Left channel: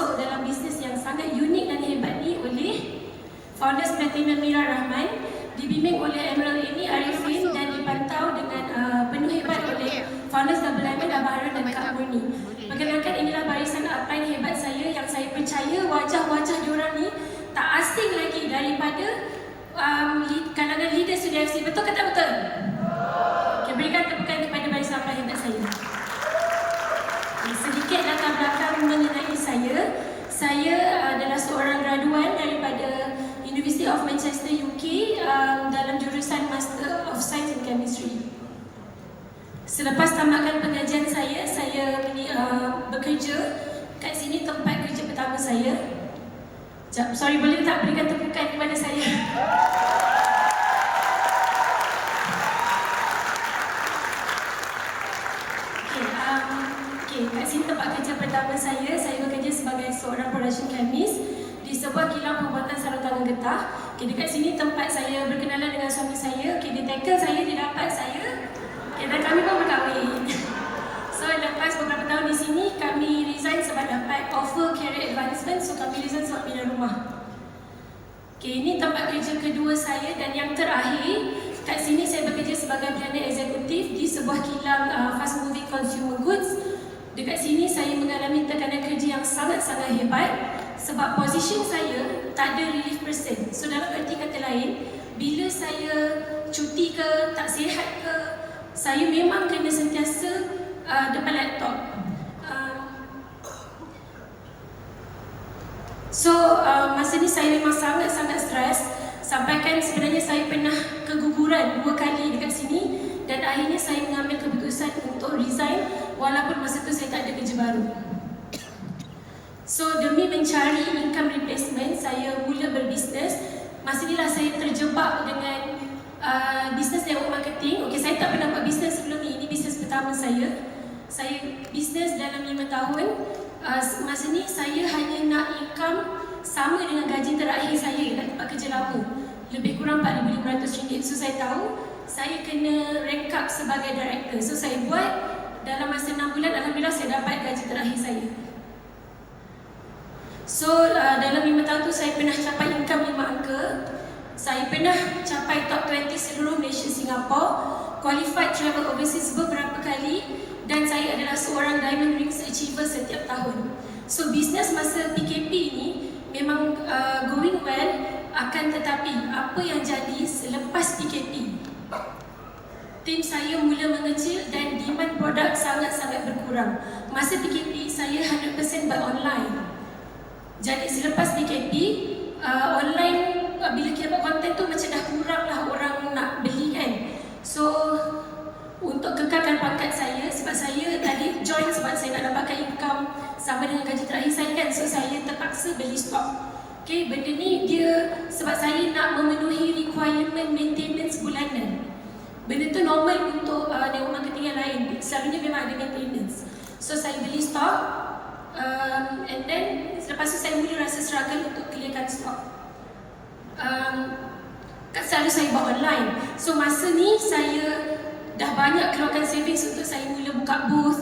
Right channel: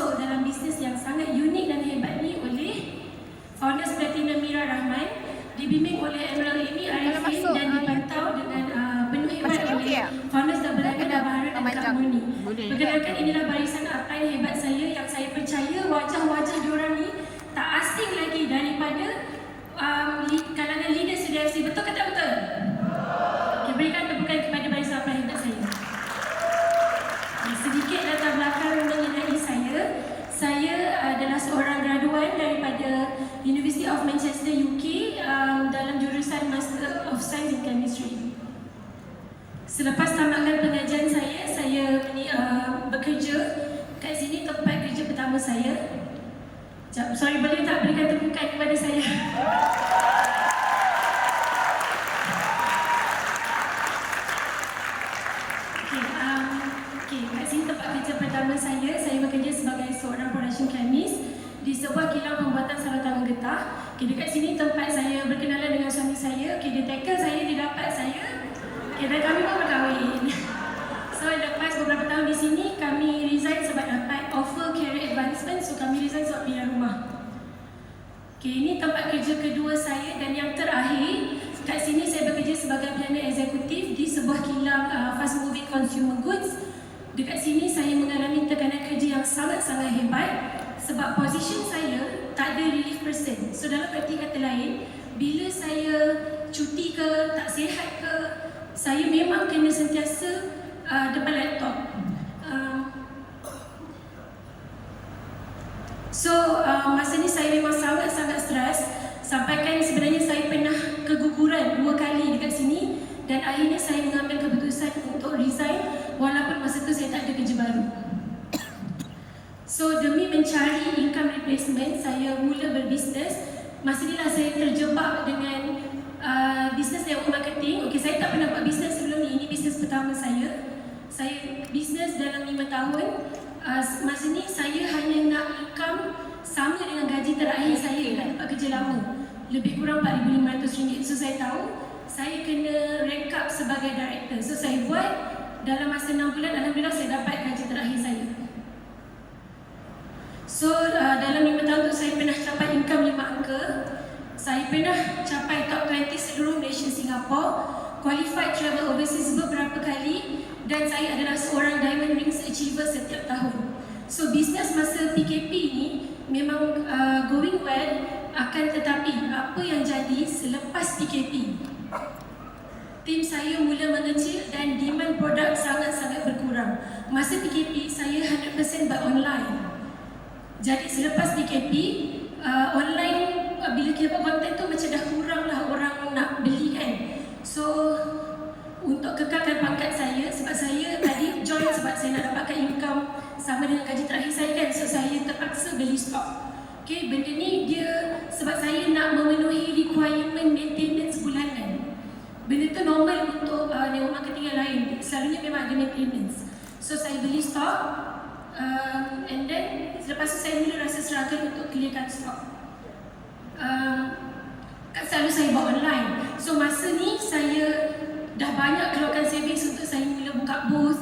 masuk dalam bisnes yang sangat unik dan hebat ni oleh Founders Platinum Mira Rahman, dibimbing oleh Emerald Amy Arifin dan dipantau dengan penuh hebat oleh Founders Double Diamond Abah dan Kak Bruni. Perkenalkan, inilah barisan upline hebat saya yang saya percaya wajah-wajah diorang ni tak asing lagi daripada kalangan leaders CDFC. Betul ke tak betul? Okay, berikan tepukan kepada barisan upline hebat saya. Sedikit latar belakang mengenai saya. Saya adalah seorang graduan daripada University of Manchester UK dalam jurusan Master of Science in Chemistry. Selepas tamatkan pengajian saya bekerja kat sini, tempat kerja pertama saya. Sorry, boleh tak berikan tepukan kepada saya? Kat sini tempat kerja pertama saya bekerja sebagai seorang production chemist di sebuah kilang pembuatan saluran getah. Dekat sini tempat saya berkenalan dengan suami saya. Dia tackle saya, dia dapat saya. Dan kami pun berkahwin. So lepas beberapa tahun di sini, kami resign sebab dapat offer career advancement. So kami resign sebab pindah rumah. Ini tempat kerja kedua saya dan yang terakhir. Kat sini saya bekerja sebagai pelayanan eksekutif di sebuah kilang fast moving consumer goods. Dekat sini saya mengalami tekanan kerja yang sangat-sangat hebat sebab posisi saya tak ada relief person. So dalam arti kata lain, bila saya cuti ke, tak sihat ke, saya memang kena sentiasa depan laptop. Masa ni saya memang sangat-sangat stres. Sampaikan sebenarnya saya pernah keguguran 2 kali dekat sini dan akhirnya saya mengambil keputusan untuk resign walaupun masa tu saya tak ada kerja baru. So demi mencari income replacement, saya mula berbisnes. Masa inilah saya terjebak dengan bisnes network marketing. Saya tak pernah buat bisnes sebelum ni. Ini bisnes pertama saya. Saya bisnes dalam 5 tahun. Masa ni saya hanya nak income sama dengan gaji terakhir saya kat tempat kerja lama. Lebih kurang RM4,500. So saya tahu saya kena rank up sebagai director. So saya buat dalam masa 6 bulan, alhamdulillah saya dapat gaji terakhir saya. So dalam 5 tahun tu saya pernah capai income 5 angka. Saya pernah capai top 20 seluruh Malaysia Singapore, qualified travel overseas beberapa kali, dan saya adalah seorang Diamond Rings Achiever setiap tahun. So bisnes masa PKP ni memang going well, akan tetapi apa yang jadi selepas PKP, tim saya mula mengecil dan demand produk sangat-sangat berkurang. Masa PKP saya 100% buat online. Jadi selepas PKP, online bila kita buat konten tu macam dah kurang lah orang nak beli kan. So untuk kekalkan pangkat saya, sebab saya tadi join sebab saya nak dapatkan income sama dengan gaji terakhir saya kan. So saya terpaksa beli stok. Benda ni dia sebab saya nak memenuhi requirement maintenance bulanan. Benda tu normal untuk network marketing yang lain. Selalunya memang ada maintenance. So saya beli stok, and then selepas tu saya mula rasa struggle untuk clearkan stok. Selalu saya buat online. So masa ni saya dah banyak keluarkan savings untuk saya mula buka booth.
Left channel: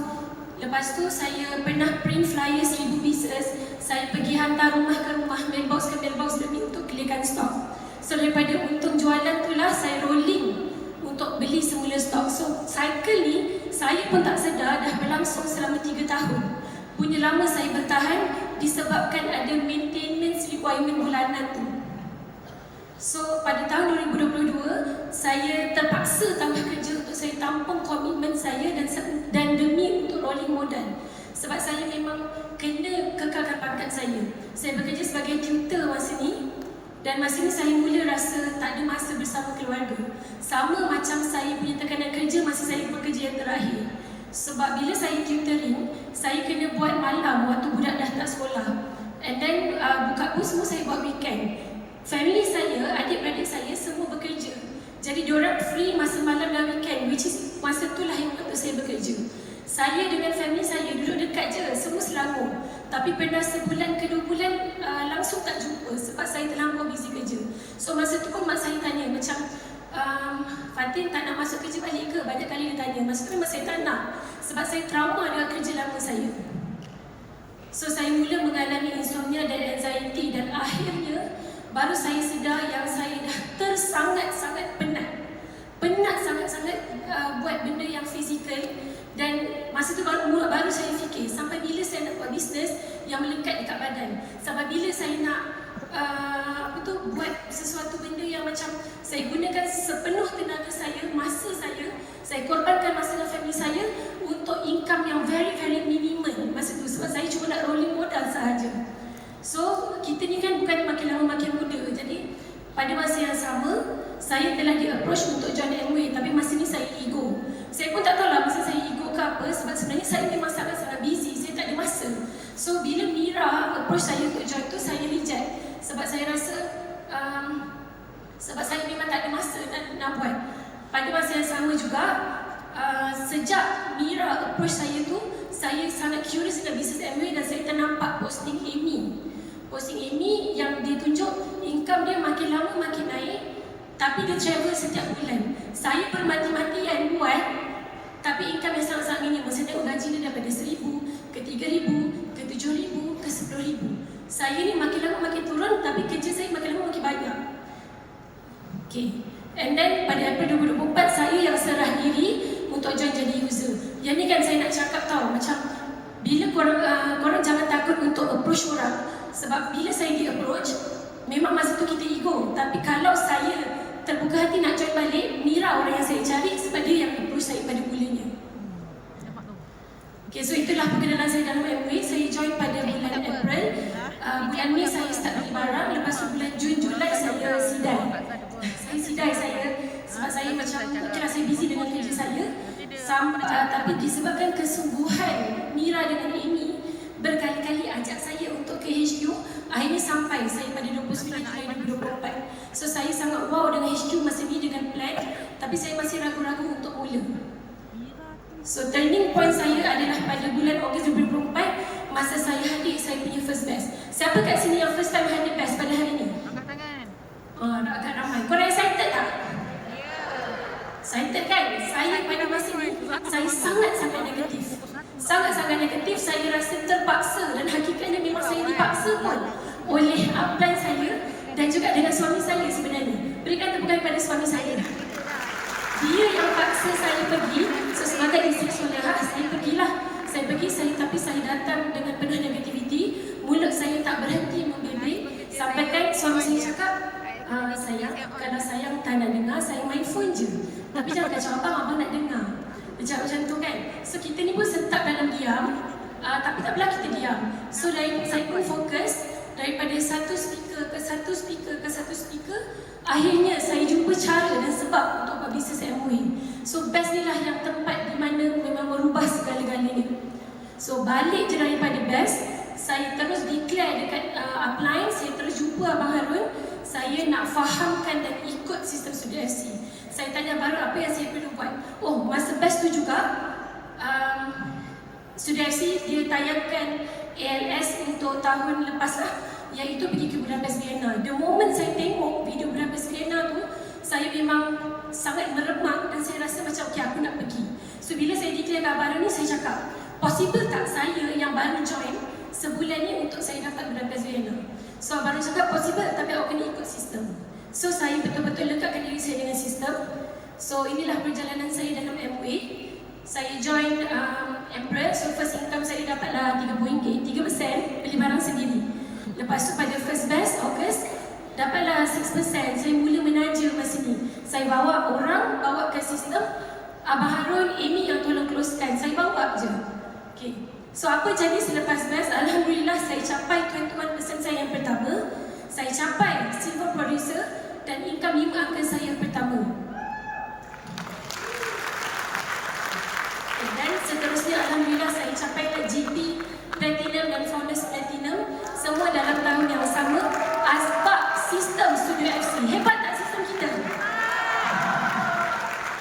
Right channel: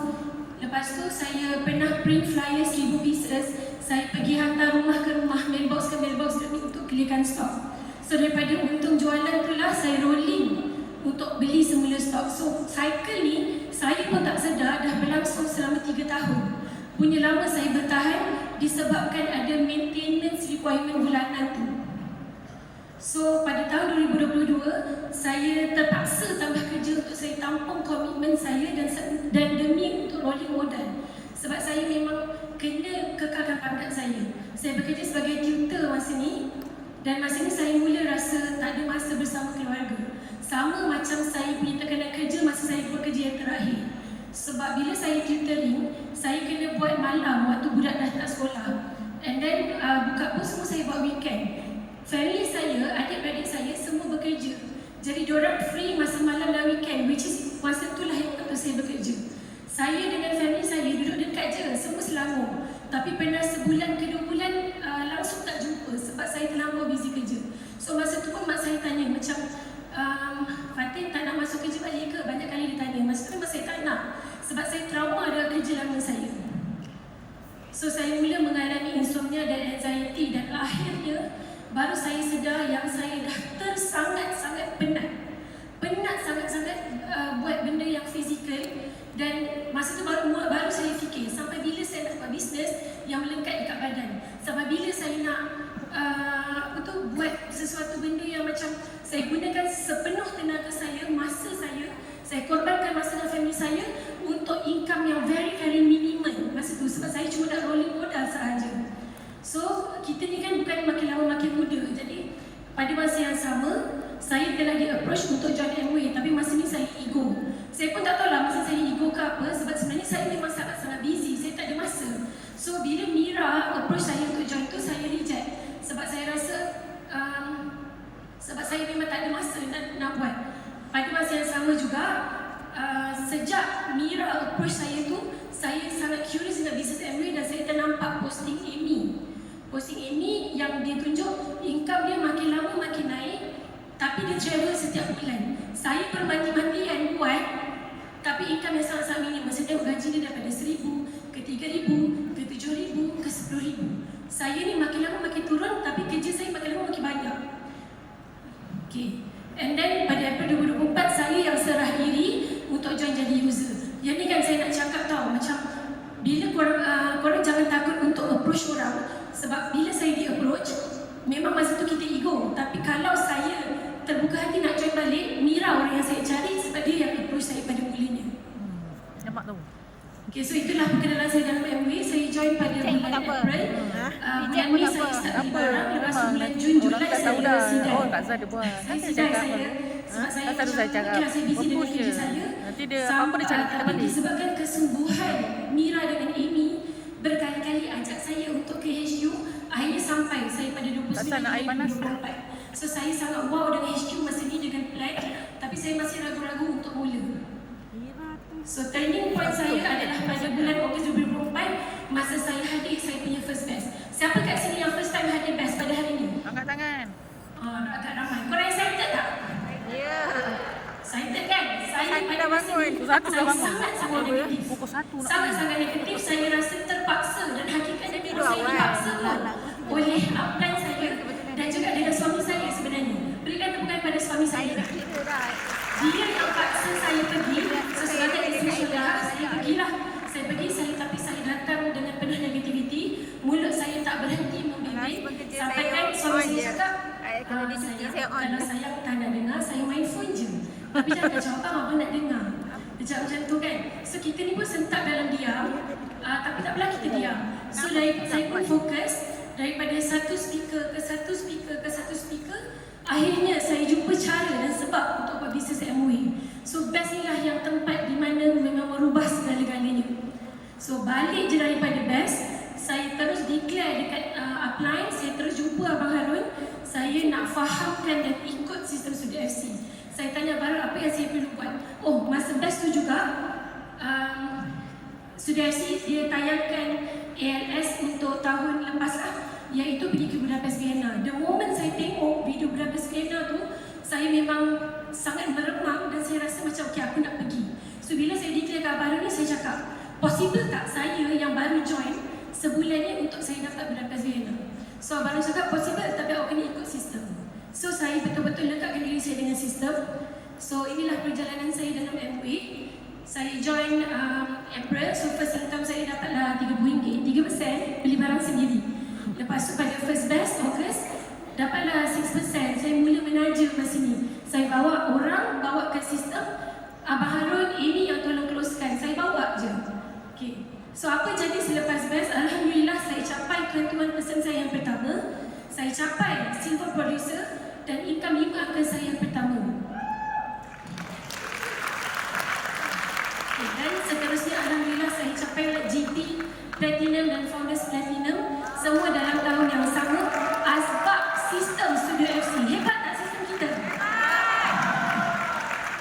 Lepas tu saya pernah print flyer 1,000 pieces. Saya pergi hantar rumah ke rumah, mailbox ke mailbox demi untuk clearkan stok. So daripada untung jualan tu lah saya rolling untuk beli semula stok. So cycle ni saya pun tak sedar dah berlangsung selama 3 tahun. Punya lama saya bertahan disebabkan ada maintenance requirement bulanan tu. So pada tahun 2022 saya terpaksa tambah kerja untuk saya tampung komitmen saya dan demi untuk rolling modal. Sebab saya memang kena kekalkan pangkat saya. Saya bekerja sebagai tutor masa ni. Dan masa ni saya mula rasa tak ada masa bersama keluarga. Sama macam saya punya tekanan kerja masa saya bekerja yang terakhir. Sebab bila saya tutoring, saya kena buat malam waktu budak dah tak sekolah. And then buka booth semua saya buat weekend. Family saya, adik-adik saya semua bekerja. Jadi diorang free masa malam dan weekend, which is masa itulah yang waktu saya bekerja. Saya dengan family saya duduk dekat je, semua Selangor. Tapi pernah sebulan ke 2 bulan langsung tak jumpa sebab saya terlampau busy kerja. So masa tu pun mak saya tanya macam, Fatin tak nak masuk kerja balik ke? Banyak kali dia tanya. Masa tu memang saya tak nak sebab saya trauma dengan kerja lama saya. So saya mula mengalami kita ni kan bukan makin lama makin muda. Jadi pada masa yang sama, saya telah di-approach untuk join Amway, tapi masa ni saya ego. Saya pun tak tahu lah masa saya ego ke apa, sebab sebenarnya saya memang sangat-sangat busy, saya tak ada masa. So bila Mira approach saya untuk join tu, saya reject. Sebab saya rasa sebab saya memang tak ada masa nak buat. Pada masa yang sama juga, sejak Mira approach saya tu, saya sangat curious dengan bisnes Amway dan saya ternampak posting Amy. Posting Amy yang dia tunjuk income dia makin lama makin naik, tapi dia travel setiap bulan. Saya bermandi-mandian buat, tapi income yang sangat-sangat minimum. Saya tengok gaji dia daripada 1,000 ke 3,000 ke 7,000 ke 10,000. Saya ni makin lama makin turun, tapi kerja saya makin lama makin banyak. Okay. And then pada April 2024, saya yang serah diri untuk join jadi user. Yang ni kan saya nak cakap tau, macam bila korang jangan takut untuk approach orang. Sebab bila saya di-approach, memang masa tu kita ego. Tapi kalau saya terbuka hati nak join balik, Mira orang yang saya cari sebab dia yang approach saya pada mulanya. Nampak tu. Okay, so itulah perkenalan saya dalam Amway. Saya join pada bulan April. Bulan Mei saya start beli barang. Lepas tu bulan Jun, Julai saya sidai. Saya sidai saya. Sebab saya macam, okeylah saya busy dengan kerja saya. Tapi disebabkan kesungguhan Mira dengan Amy berkali-kali ajak saya untuk ke HQ, akhirnya sampai saya pada 29/2024. So saya sangat wow dengan HQ masa ni dengan plan, tapi saya masih ragu-ragu untuk mula. So turning point saya adalah pada bulan Ogos 2024, masa saya hadir saya punya first best. Siapa kat sini yang first time hadir best pada hari ni? Angkat tangan. Agak ramai. Korang excited tak? Excited kan? Saya pada masa ni saya sangat-sangat negatif. Sangat-sangat negatif. Saya rasa terpaksa dan hakikatnya memang saya dipaksa oleh upline saya dan juga dengan suami saya sebenarnya. Berikan tepukan kepada suami saya. Dia yang paksa saya pergi. So sebagai isteri syurga, saya pergilah. Tapi saya datang dengan penuh negativiti. Mulut saya tak berhenti membibit. Sampai kan suami saya cakap, kalau sayang tak nak dengar, saya main phone je. Tapi jangan kacau abang nak dengar. Dia cakap macam tu kan. So kita ni pun sentak dalam diam, tapi tak apalah kita diam. So saya pun fokus daripada satu speaker ke satu speaker ke satu speaker. Akhirnya saya jumpa cara dan sebab untuk buat bisnes Amway. So best ni lah yang tempat di mana memang merubah segala-galanya. So balik je daripada best, saya terus declare dekat upline, saya terus jumpa Abang Harun. Saya nak fahamkan dan ikut sistem Studio FC. Saya tanya baru apa yang saya perlu buat. Oh, masa best tu juga Studio FC dia tayangkan ALS untuk tahun lepas lah, iaitu pergi ke Budapest Vienna. The moment saya tengok video Budapest Vienna tu, saya memang sangat meremak dan saya rasa macam okay, aku nak pergi. So bila saya declare kat Abang ni, saya cakap, possible tak saya yang baru join sebulan ni untuk saya dapat Budapest Vienna? So Abang cakap possible, tapi awak kena ikut sistem. So saya betul-betul lekatkan diri saya dengan sistem. So inilah perjalanan saya dalam Amway. Saya join April. So first income saya dapatlah RM30, 3% beli barang sendiri. Lepas tu pada first best August, dapatlah 6%. Saya mula menaja masa ni. Saya bawa orang, bawa ke sistem. Abang Harun, Amy yang tolong closekan. Saya bawa je. Okay. So apa jadi selepas best? Alhamdulillah saya capai 21% saya yang pertama. Saya capai silver producer dan income 5 angka saya yang pertama. Okay, dan seterusnya alhamdulillah saya capai GP Platinum dan Founders Platinum, semua dalam tahun yang sama asbab sistem Studio FC. Hebat tak sistem kita?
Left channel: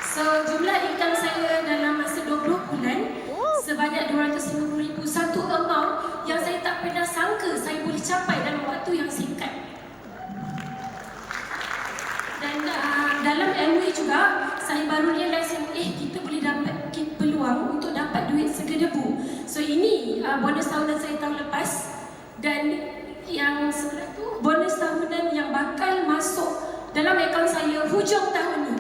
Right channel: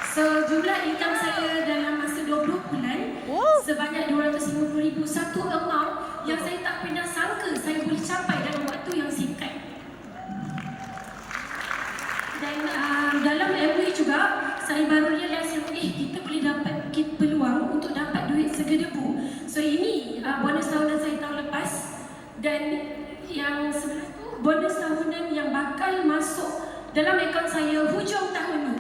So jumlah income saya dalam masa 20 bulan sebanyak 250,000, satu amount yang saya tak pernah sangka saya boleh capai dalam waktu yang singkat. Dan dalam Amway juga saya baru realize yang kita boleh dapat peluang untuk dapat duit segedebu. So ini bonus tahunan saya tahun lepas, dan yang sebelah tu bonus tahunan yang bakal masuk dalam akaun saya hujung tahun ni.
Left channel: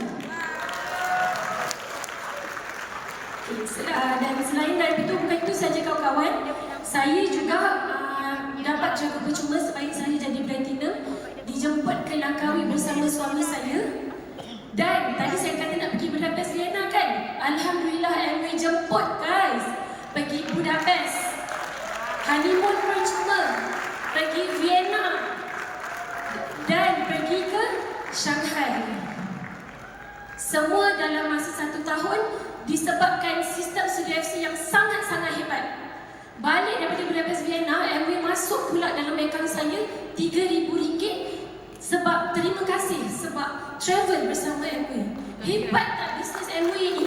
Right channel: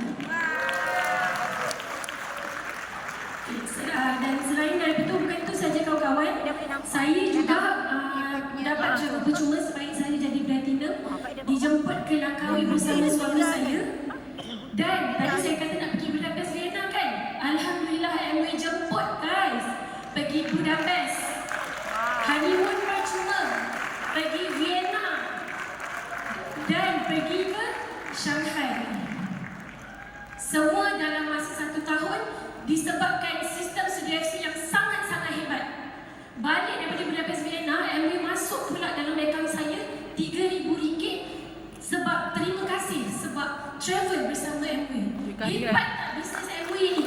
Dan selain daripada bukan itu saja kawan-kawan, saya juga dapat juga percuma sebaik saya jadi platinum, dijemput ke Langkawi bersama suami saya. Dan tadi saya kata nak pergi Budapest Vienna kan? Alhamdulillah Amway jemput guys pergi Budapest, honeymoon percuma, pergi Vienna, Semua dalam masa 1 tahun disebabkan sistem Sudia FC yang sangat-sangat hebat. Balik daripada Budapest Vienna, MUI masuk pula dalam akaun saya RM3,000 sebab terima kasih sebab travel bersama MUI. Hebat tak bisnes MUI ni?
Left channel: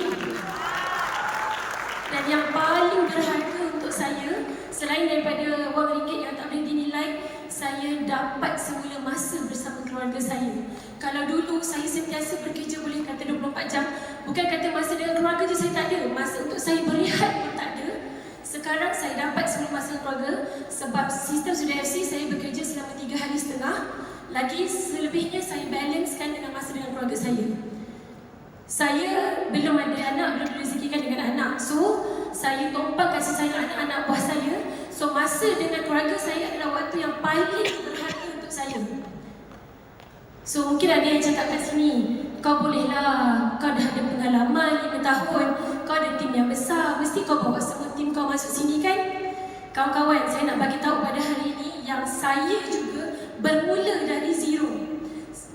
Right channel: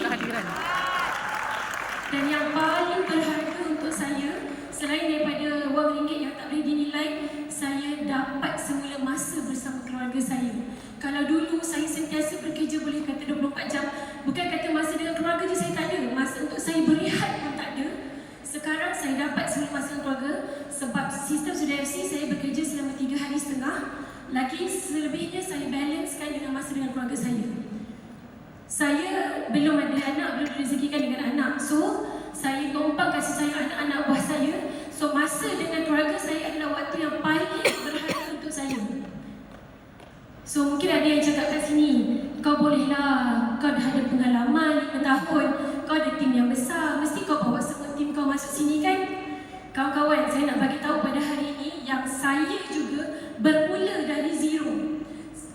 Dan yang paling berharga untuk saya, selain daripada wang ringgit yang tak boleh dinilai, saya dapat semula masa bersama keluarga saya. Kalau dulu saya sentiasa bekerja boleh kata 24 jam, bukan kata masa dengan keluarga je saya tak ada, masa untuk saya berehat pun tak ada. Sekarang saya dapat semua masa keluarga sebab sistem Sudia FC saya bekerja selama 3 hari setengah. Lagi selebihnya saya balancekan dengan masa dengan keluarga saya. Saya belum ada anak, belum direzekikan dengan anak. So, saya tumpang kasih sayang anak-anak buah saya. So, masa dengan keluarga saya adalah waktu yang paling berharga untuk saya. So, mungkin ada yang cakap kat sini, kau bolehlah, kau dah ada pengalaman 5 tahun, kau ada tim yang besar, mesti kau bawa semua tim kau masuk sini kan? Kawan-kawan, saya nak bagi tahu pada hari ini yang saya juga bermula dari zero.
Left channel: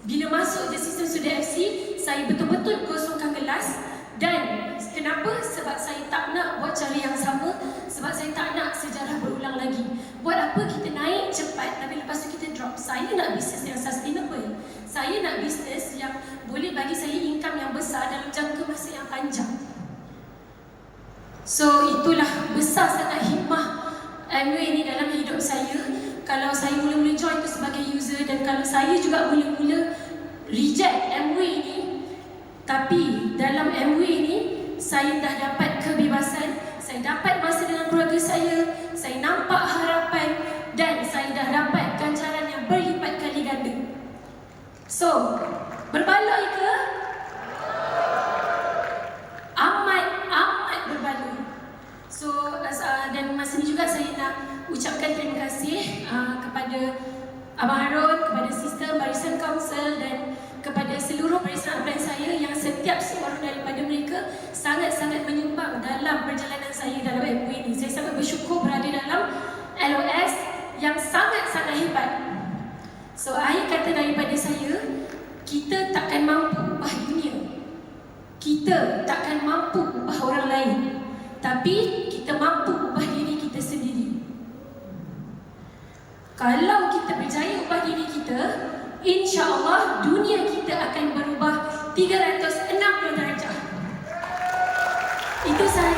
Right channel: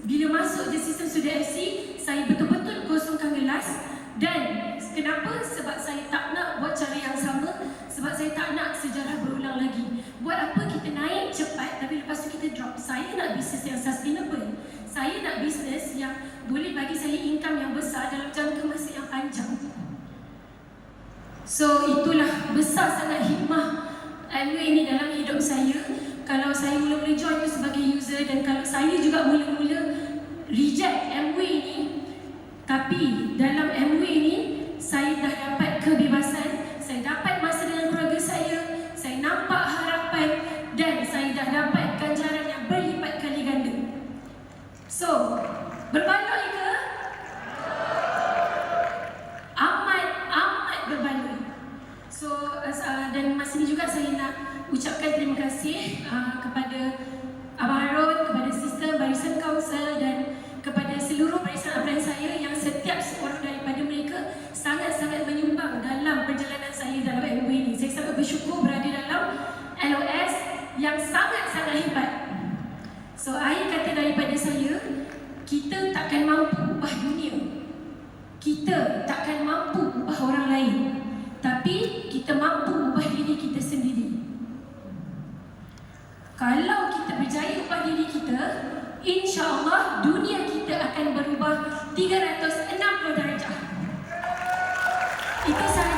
Bila masuk je sistem Sudia FC, saya betul-betul kosongkan kelas. Dan kenapa? Sebab saya tak nak buat cara yang sama, sebab saya tak nak sejarah berulang lagi. Buat apa kita naik cepat tapi lepas tu kita drop? Saya nak bisnes yang sustainable. Saya nak bisnes yang boleh bagi saya income yang besar dalam jangka masa yang panjang. So itulah besar sangat hikmah MUI ini dalam hidup saya. Kalau saya mula-mula join tu sebagai user, dan kalau saya juga mula-mula reject MUI ini, tapi dalam MUI ini saya dah dapat kebebasan, saya dapat masa dengan keluarga saya nampak harapan, dan saya dah dapat ganjaran yang berlipat kali ganda. So, berbaloi ke? Amat berbaloi. So, dan masa ini juga saya nak ucapkan terima kasih kepada Abang Harun, kepada sistem Barisan Council dan kepada seluruh barisan upline saya yang setiap seorang daripada mereka sangat-sangat menyumbang dalam perjalanan saya dalam MUI ini. Saya sangat bersyukur berada dalam LOS yang sangat-sangat hebat. So, akhir kata daripada saya, kita takkan mampu ubah dunia. Kita takkan mampu ubah orang lain. Tapi kita mampu ubah diri kita sendiri. Kalau kita berjaya ubah diri kita, insya-Allah dunia kita akan berubah 360 darjah. Itu saya.